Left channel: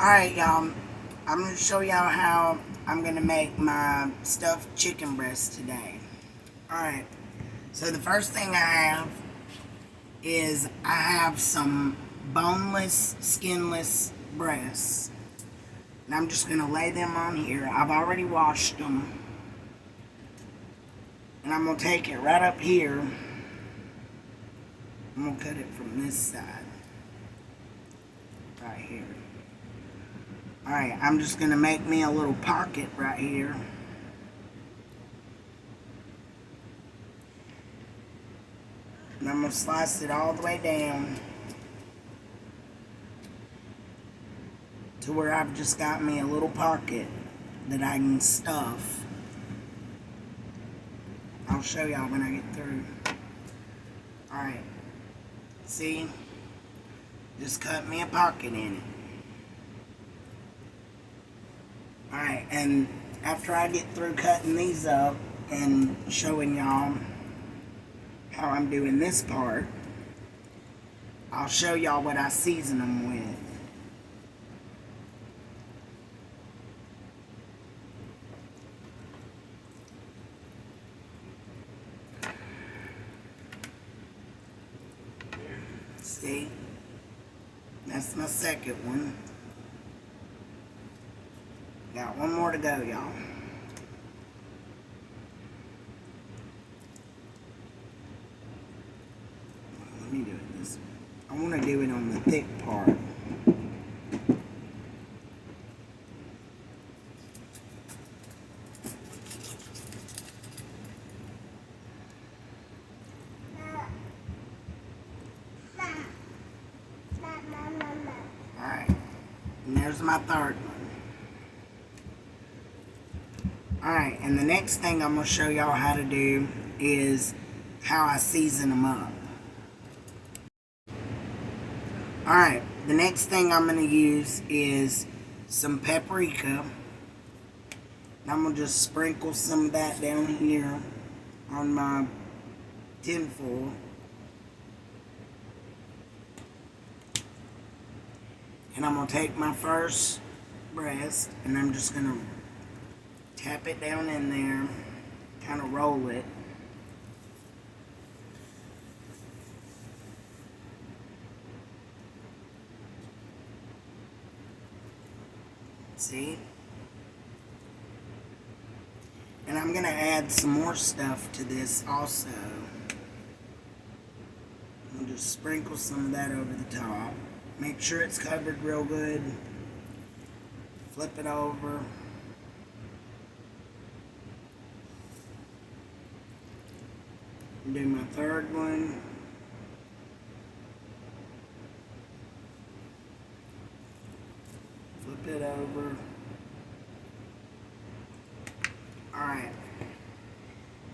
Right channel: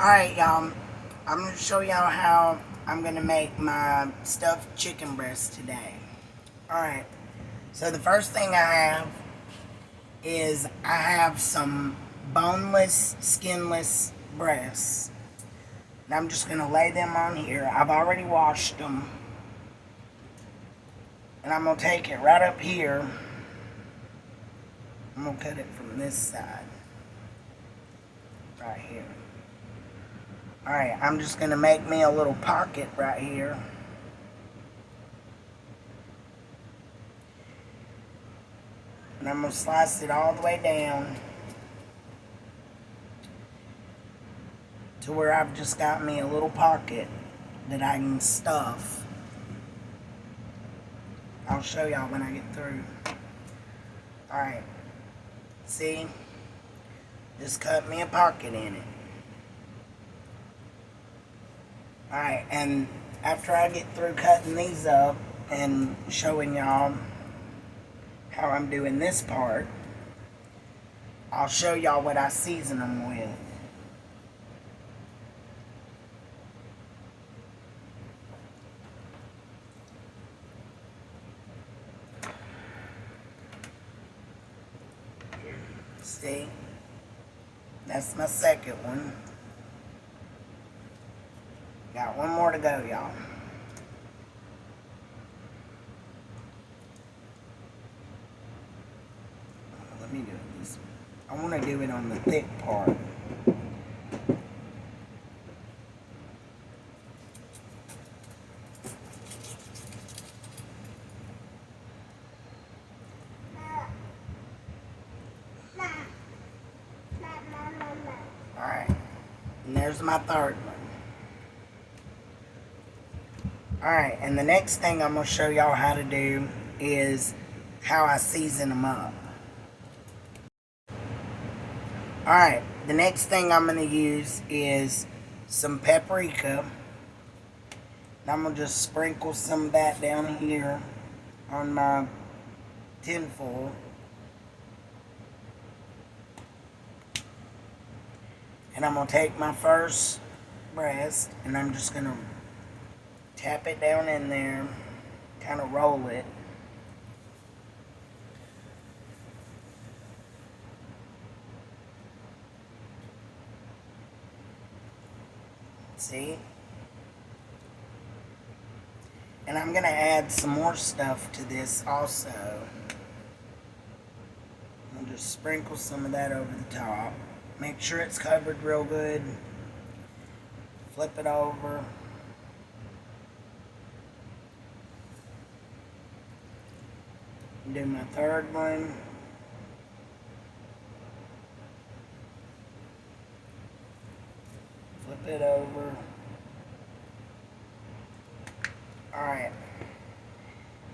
Alright, y'all. I'm going to show y'all how I'm going to make my stuffed chicken breast today. Alright, so the first thing I have is I have some boneless, skinless breasts. And I'm just going to lay them on here. I've already washed them. And I'm going to take it right up here. I'm going to cut it from this side. Right here. Alright, I'm just going to make me a little pocket right here. And I'm going to slice it all the way down to where I've just got me a little pocket that I can stuff. I'll show y'all when I get through. Alright, see? Just cut me a pocket in it. Alright, and after I get through cutting these up and showing y'all how I'm doing this part, I'll show y'all what I season them with. See? That's my second one. Got one more to go, y'all. Let me do it this way. I want to do it on the thick part. Alright. And there's my third one. Alright, and the next thing I'm going to show y'all how to do is how I season them up. Alright, the next thing I'm going to use is some paprika. And I'm going to just sprinkle some of that down here on my tin foil. And I'm going to take my first breast and I'm just going to tap it down in there, kind of roll it. See? And I'm going to add some more stuff to this also. I'll just sprinkle some of that over the top. Make sure it's covered real good. Flip it over. Do my third one. Flip it over. Alright.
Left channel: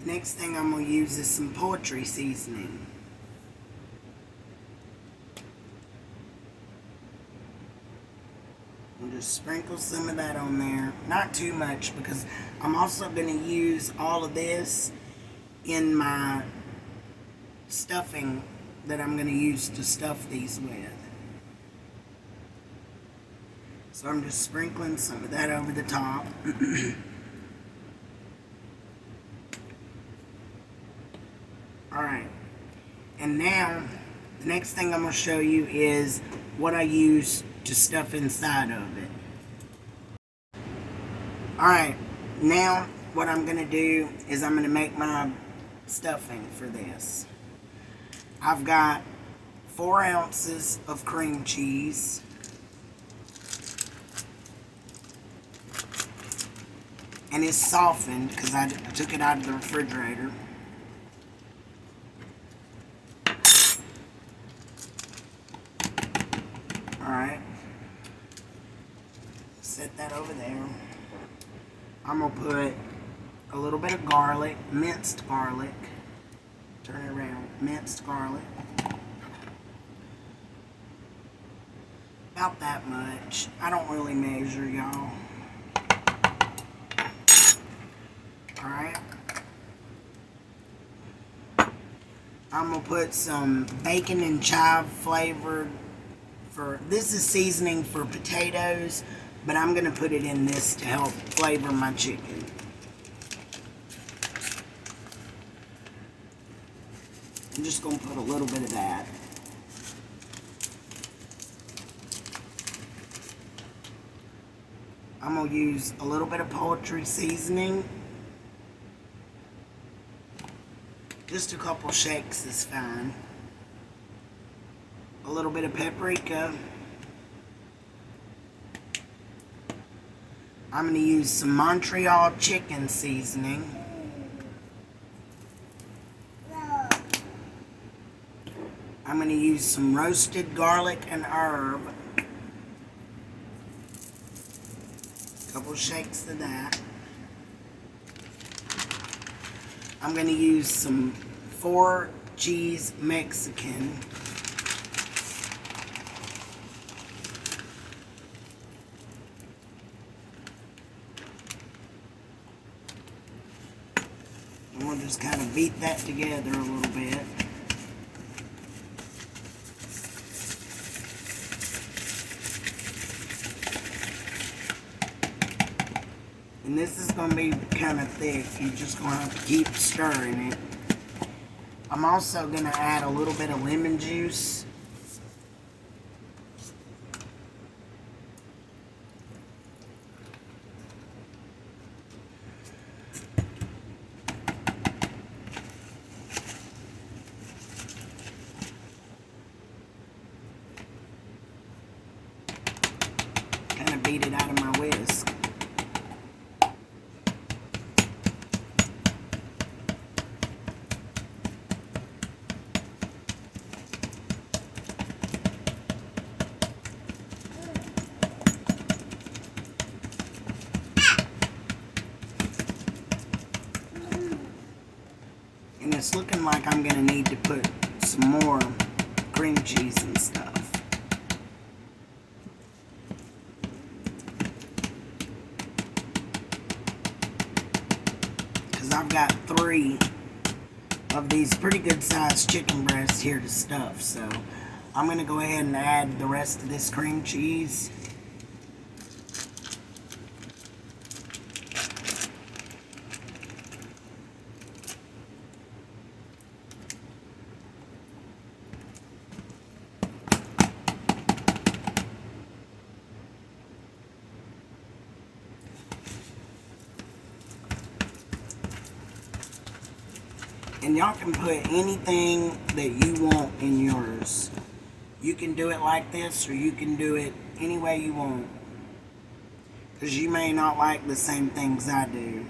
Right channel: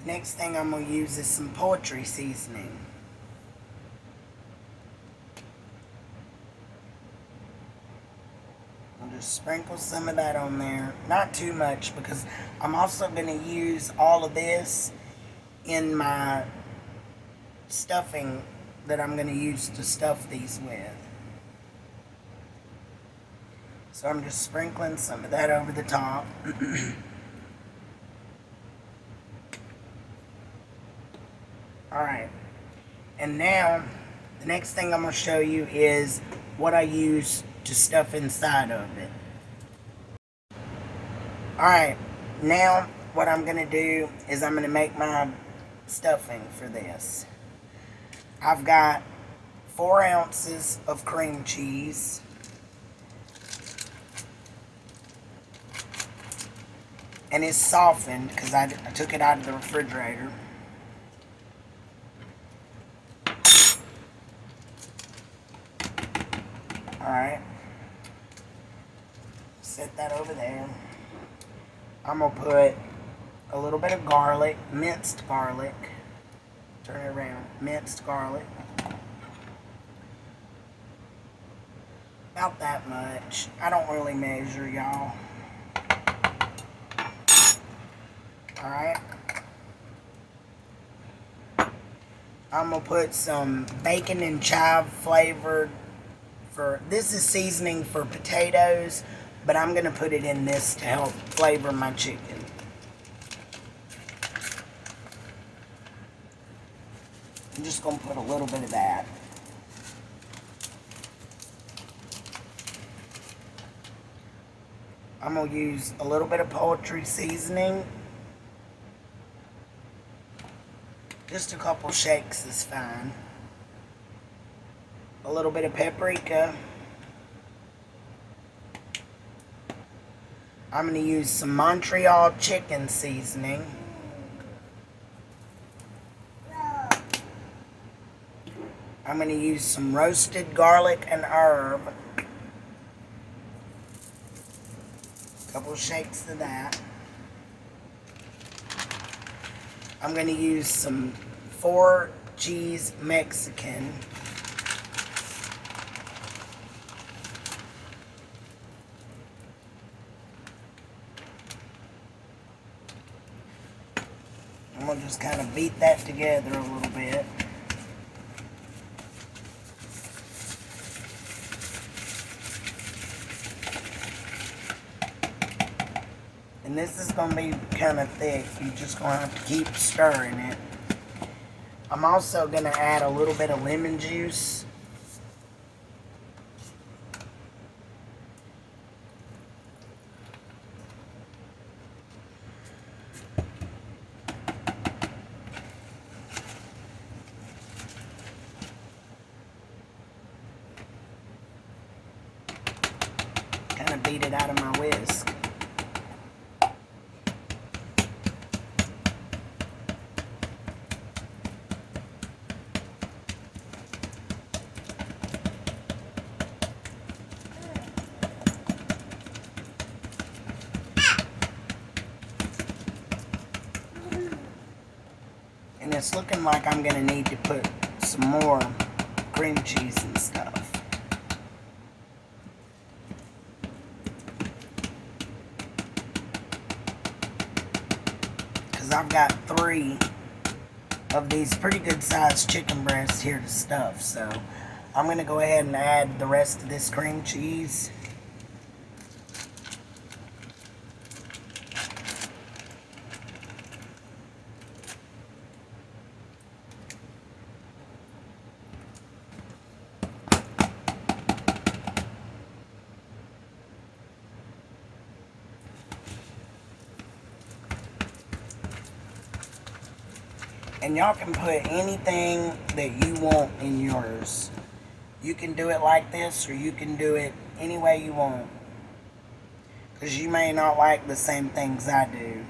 The next thing I'm going to use is some poultry seasoning. I'll just sprinkle some of that on there. Not too much because I'm also going to use all of this in my stuffing that I'm going to use to stuff these with. So I'm just sprinkling some of that over the top. Alright, and now the next thing I'm going to show you is what I use to stuff inside of it. Alright, now what I'm going to do is I'm going to make my stuffing for this. I've got 4 ounces of cream cheese. And it's softened because I took it out of the refrigerator. Alright. Set that over there. I'm going to put a little bit of garlic, minced garlic. Turn it around. Minced garlic. About that much. I don't really measure, y'all. Alright. I'm going to put some bacon and chive flavored this is seasoning for potatoes, but I'm going to put it in this to help flavor my chicken. I'm just going to put a little bit of that. I'm going to use a little bit of poultry seasoning. Just a couple shakes is fine. A little bit of paprika. I'm going to use some Montreal chicken seasoning. I'm going to use some roasted garlic and herb. A couple shakes of that. I'm going to use some 4 cheese Mexican. I'm going to just kind of beat that together a little bit. And this is going to be kind of thick. You're just going to have to keep stirring it. I'm also going to add a little bit of lemon juice. Kind of beat it out of my whisk. And it's looking like I'm going to need to put some more cream cheese and stuff. Because I've got 3 of these pretty good sized chicken breasts here to stuff. So I'm going to go ahead and add the rest of this cream cheese. And y'all can put anything that you want in yours. You can do it like this, or you can do it any way you want. Because you may not like the same things I do.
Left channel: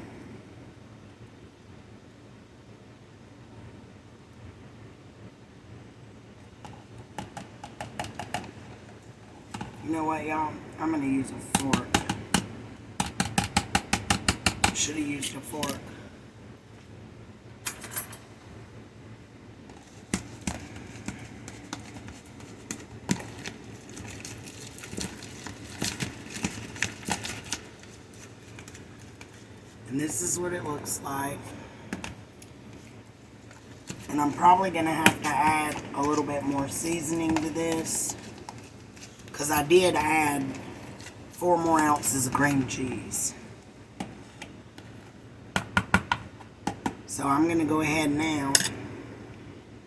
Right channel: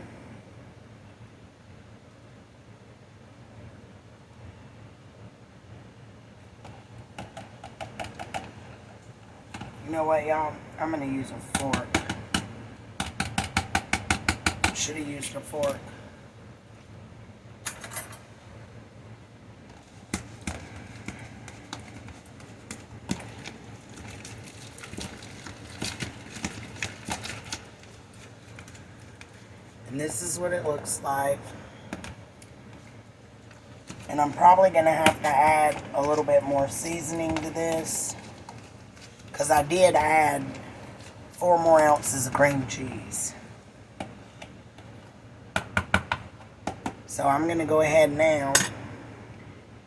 You know what, y'all? I'm going to use a fork. Should have used a fork. And this is what it looks like. And I'm probably going to have to add a little bit more seasoning to this, because I did add 4 more ounces of cream cheese. So I'm going to go ahead now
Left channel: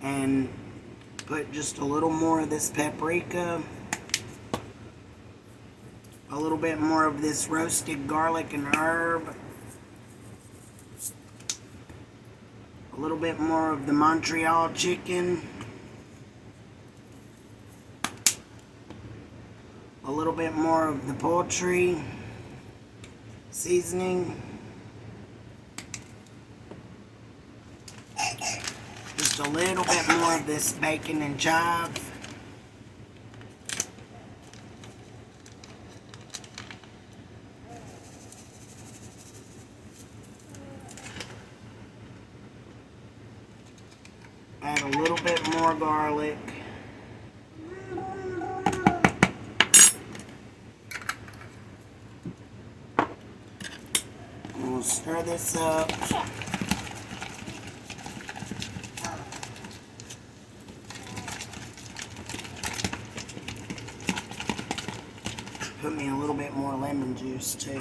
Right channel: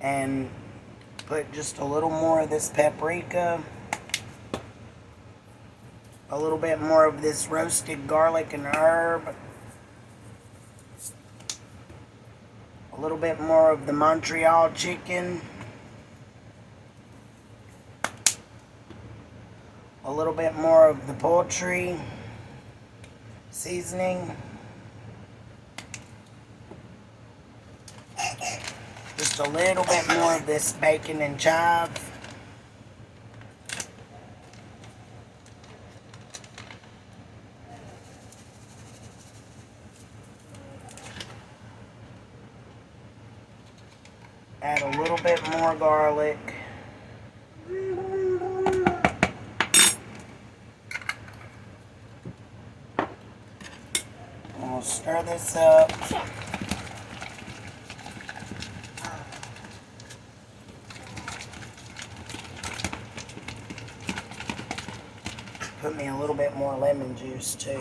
and put just a little more of this paprika, a little bit more of this roasted garlic and herb, a little bit more of the Montreal chicken, a little bit more of the poultry seasoning, just a little bit more of this bacon and chive, add a little bit more garlic, and we'll stir this up. Put me a little bit more lemon juice too.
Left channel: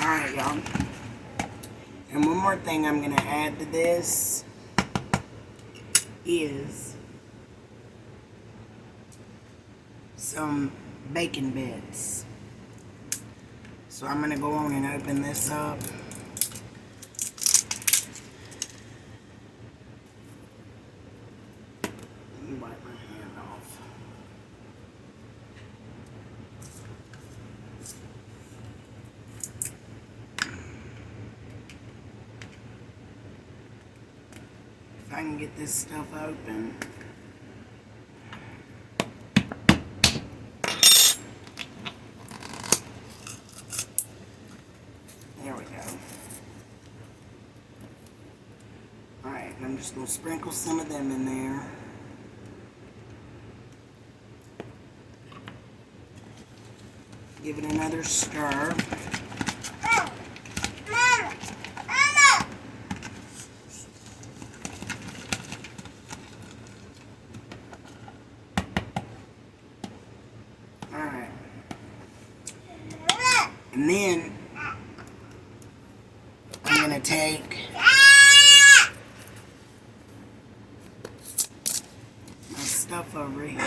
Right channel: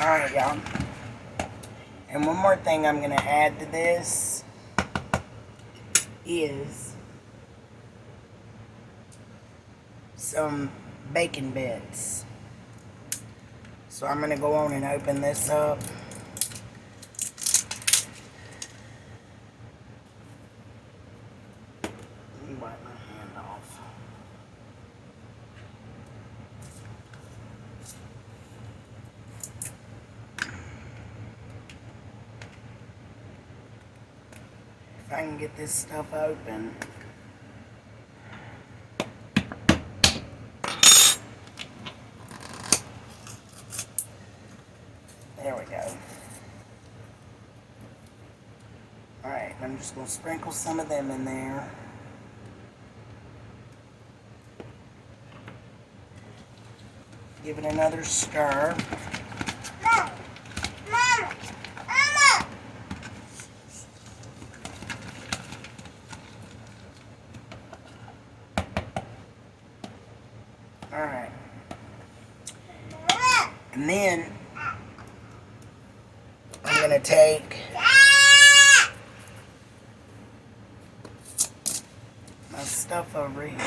Alright, y'all. And one more thing I'm going to add to this is some bacon bits. So I'm going to go on and open this up. Wipe my hand off. If I can get this stuff open. There we go. Alright, I'm just going to sprinkle some of them in there. Give it another stir. Alright. And then I'm going to take my stuff over here.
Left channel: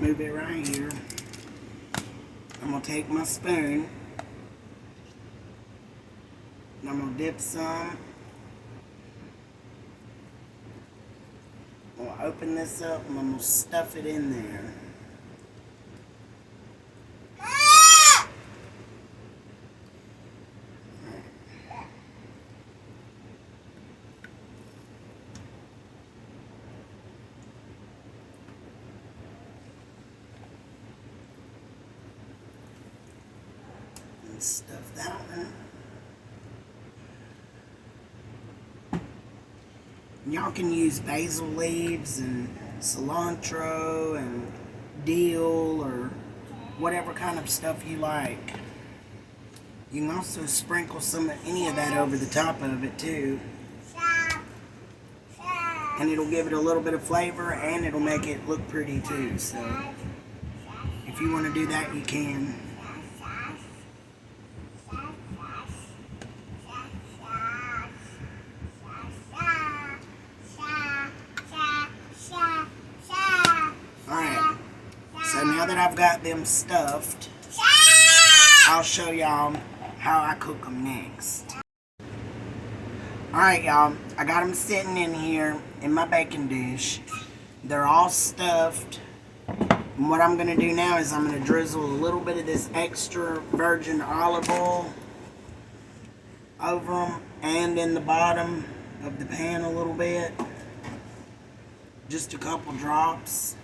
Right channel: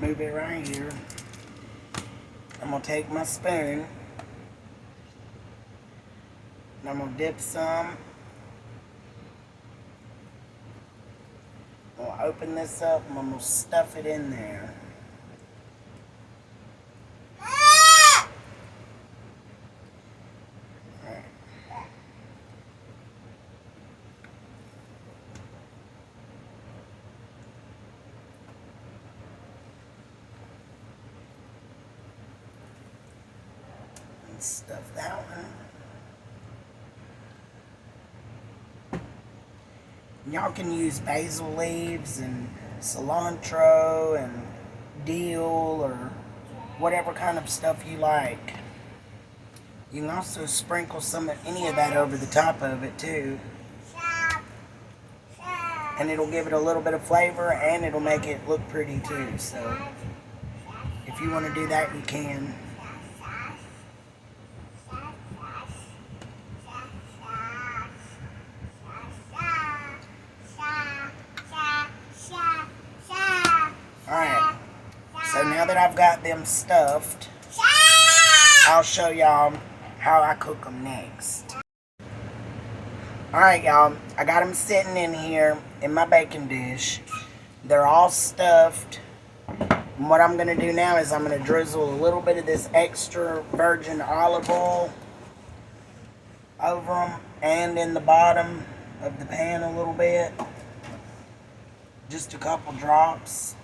Move it right here. I'm going to take my spoon. And I'm going to dip some. I'm going to open this up and I'm going to stuff it in there. Stuff that one. Y'all can use basil leaves and cilantro and dill or whatever kind of stuff you like. You can also sprinkle any of that over the top of it too. And it'll give it a little bit of flavor and it'll make it look pretty too. So if you want to do that, you can. Alright, so now that I've got them stuffed, I'll show y'all how I cook them next. Alright, y'all, I got them sitting in here in my baking dish. They're all stuffed. And what I'm going to do now is I'm going to drizzle a little bit of this extra virgin olive oil over them and in the bottom of the pan a little bit. Just a couple drops.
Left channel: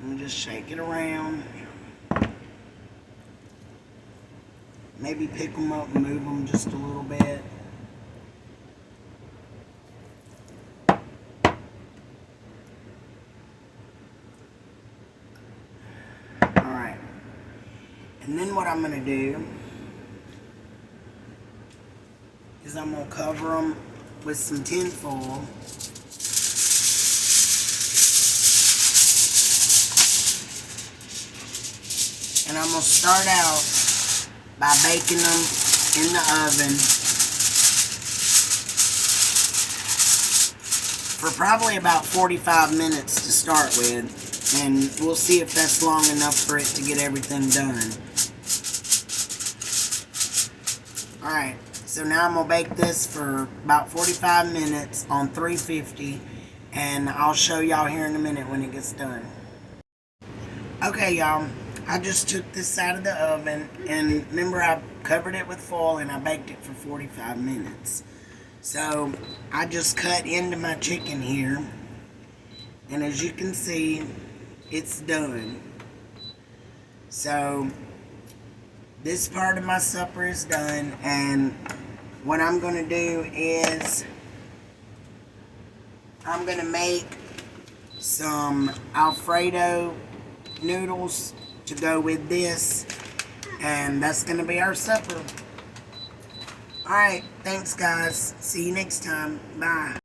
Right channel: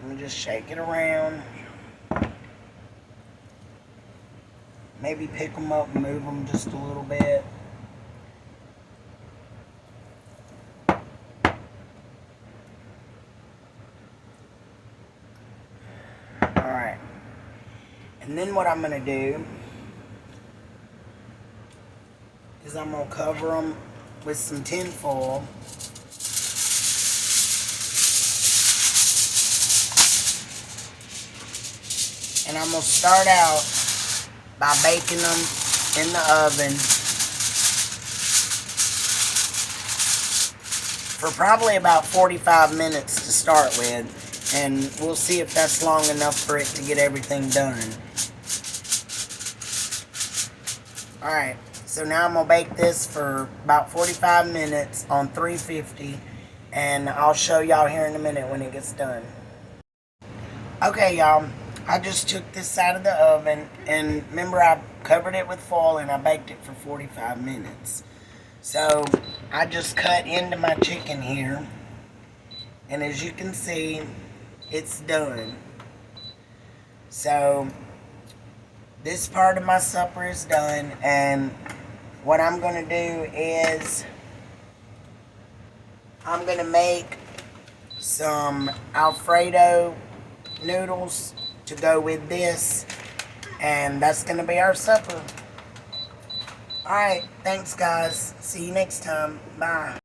And just shake it around. Maybe pick them up and move them just a little bit. Alright. And then what I'm going to do is I'm going to cover them with some tin foil. And I'm going to start out by baking them in the oven for probably about 45 minutes to start with. And we'll see if that's long enough for it to get everything done. Alright, so now I'm going to bake this for about 45 minutes on 350. And I'll show y'all here in a minute when it gets done. Okay, y'all. I just took this out of the oven, and remember I covered it with foil and I baked it for 45 minutes. So I just cut into my chicken here, and as you can see, it's done. So this part of my supper is done, and what I'm going to do is I'm going to make some Alfredo noodles to go with this. And that's going to be our supper. Alright, thanks guys. See you next time. Bye.